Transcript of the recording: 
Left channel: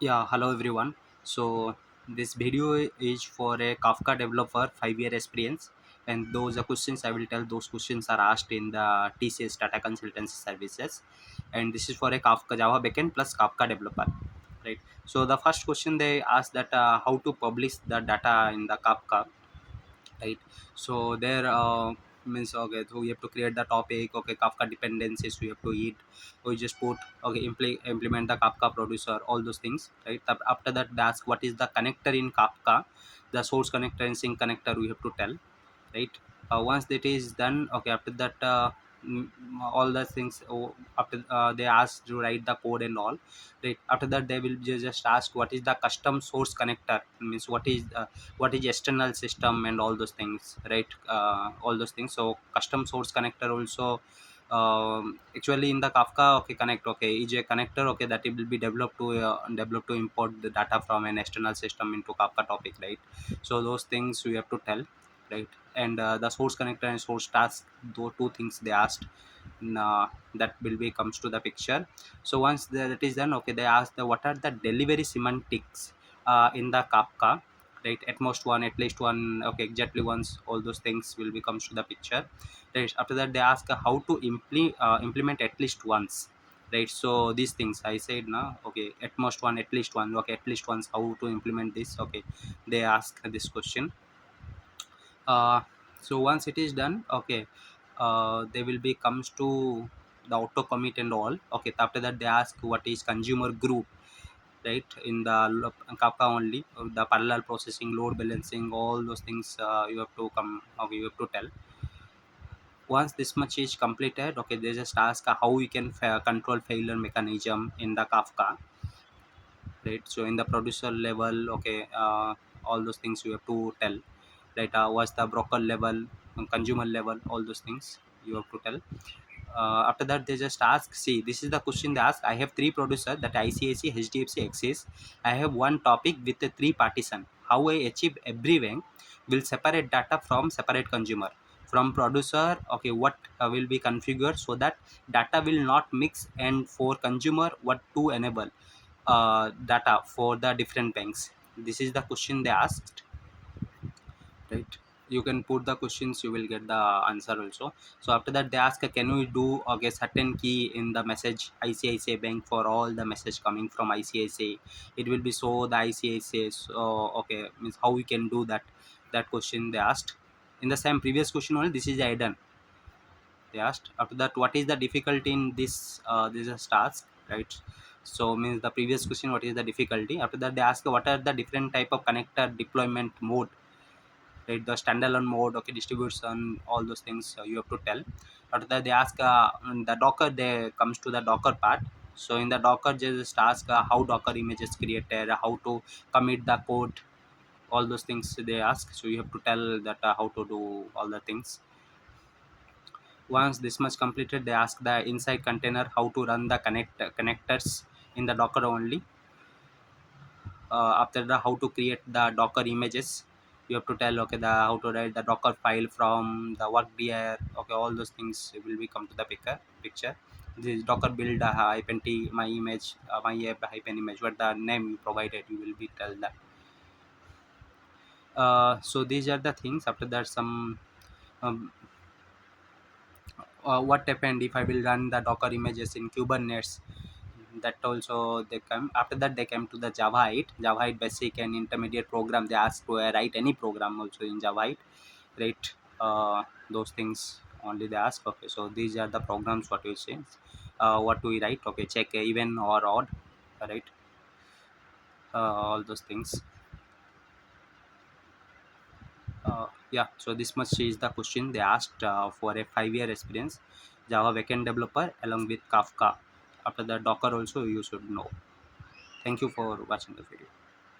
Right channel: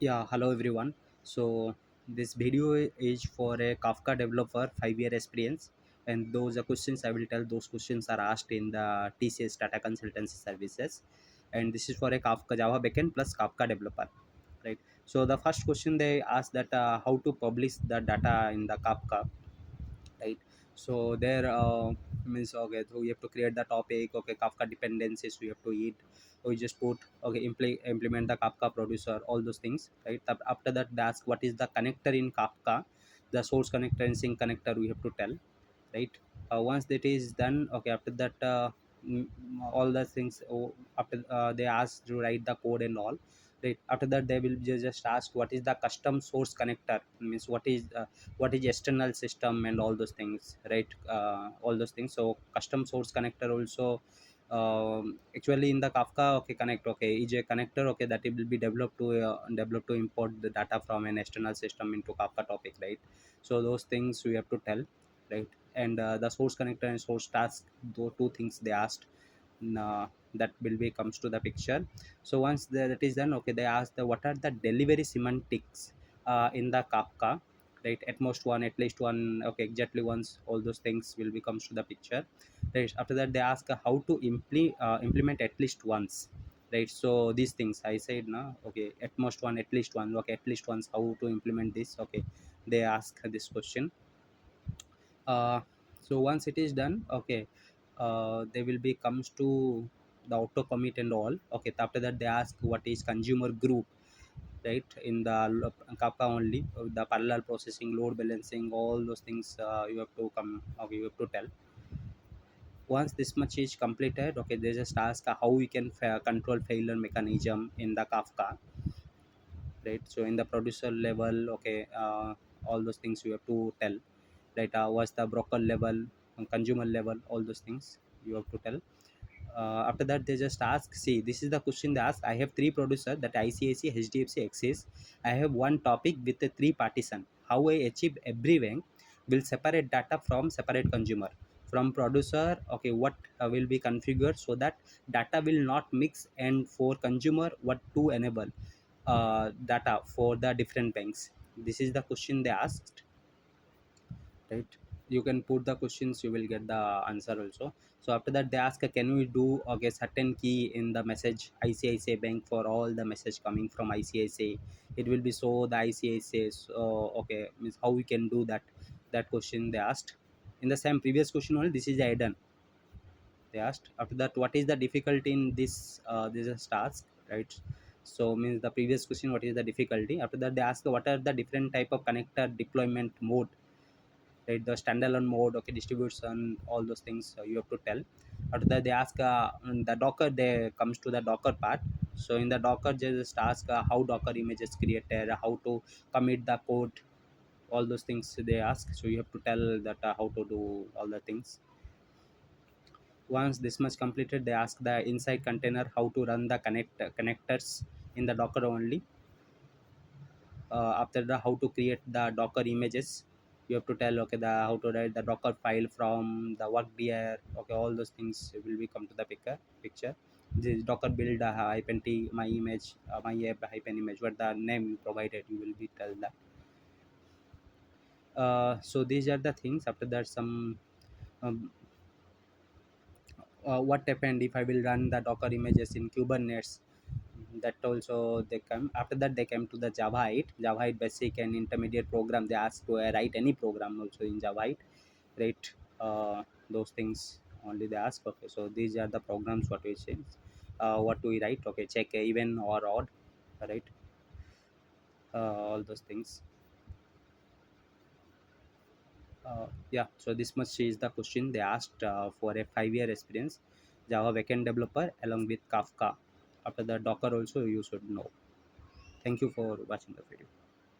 Yeah, hello everyone. So this video is for a Kafka developer 5-year experience, and those are questions I will tell. Those questions are asked in the TCS data consultancy services, and this is for a Kafka Java backend plus Kafka developer, right? So the first question they ask that how to publish the data in the Kafka, right? So there means okay, so we have to create the topic, okay, Kafka dependencies we have to eat, we just put okay, implement the Kafka producer, all those things, right? After that they ask what is the connector in Kafka, the source connector and sync connector we have to tell, right? Once that is done, okay, after that mm, all the things, after they ask to write the code and all, right? After that they will just ask what is the custom source connector, means what is external system and all those things, right? All those things. So custom source connector also, actually in the Kafka, okay, connect, okay, is a connector, okay, that it will be developed to import the data from an external system into Kafka topic, right? So those things we have to tell, right? And the source connector and source task, those two things they asked, that will be comes to the picture. So once that is done, okay, they ask the what are the delivery semantics in the Kafka, right? At most one, at least one, okay, exactly once, all those things will be comes to the picture, right? After that they ask how to implement at least once, right? So these things I said now, okay, at most one, at least one, okay, at least once, how to implement this, okay, they ask this question. uh, so once it is done, okay, they will be comes to the auto commit and all, okay. After that they ask what is consumer group, right? In the Kafka only, the parallel processing, load balancing, all those things you have to come, okay, you have to tell. Once this much is completed, okay, they just ask how we can control failure mechanism in the Kafka, right? So in the producer level, okay, all those things you have to tell, right? What's the broker level, consumer level, all those things you have to tell. After that they just ask, see, this is the question they ask: I have three producers, that ICIC, HDFC, Axis. I have one topic with a three partition. How I achieve every bank will separate data from separate consumer from producer, okay, what will be configured so that data will not mix, and for consumer what to enable data for the different banks. This is the question they asked, right? You can put the questions, you will get the answer also. So after that they ask, can we do, okay, certain key in the message ICICI bank for all the message coming from ICICI, it will be so the ICICI, so okay, means how we can do that. That question they asked. In the same previous question only, this is hidden, they asked. After that, what is the difficulty in this is task, right? So means the previous question, what is the difficulty. After that they ask what are the different type of connector deployment mode, right? The standalone mode, okay, distribution, all those things you have to tell. After that they ask in the Docker, they comes to the Docker part. So in the Docker just ask how Docker image is created, how to commit the code, all those things they ask. So you have to tell that how to do all the things. Once this much completed, they ask the inside container how to run the connectors in the Docker only. After the how to create the Docker images, you have to tell, okay, the how to write the Docker file from the work dir, okay, all those things will be come to the picture. This Docker build hyphen t my image, my app hyphen image, what the name you provided, you will be tell that. So these are the things. After that some um, what happened if I will run the Docker images in Kubernetes, that also they come. After that they came to the Java 8 basic and intermediate program. They ask to write any program also in Java 8, right? Those things only they ask, okay. So these are the programs what you say, what do we write, okay, check even or odd, right? All those things. Yeah, so this much is the question they asked for a 5-year experience Java backend developer along with Kafka. After the Docker also you should know. Thank you for watching the video.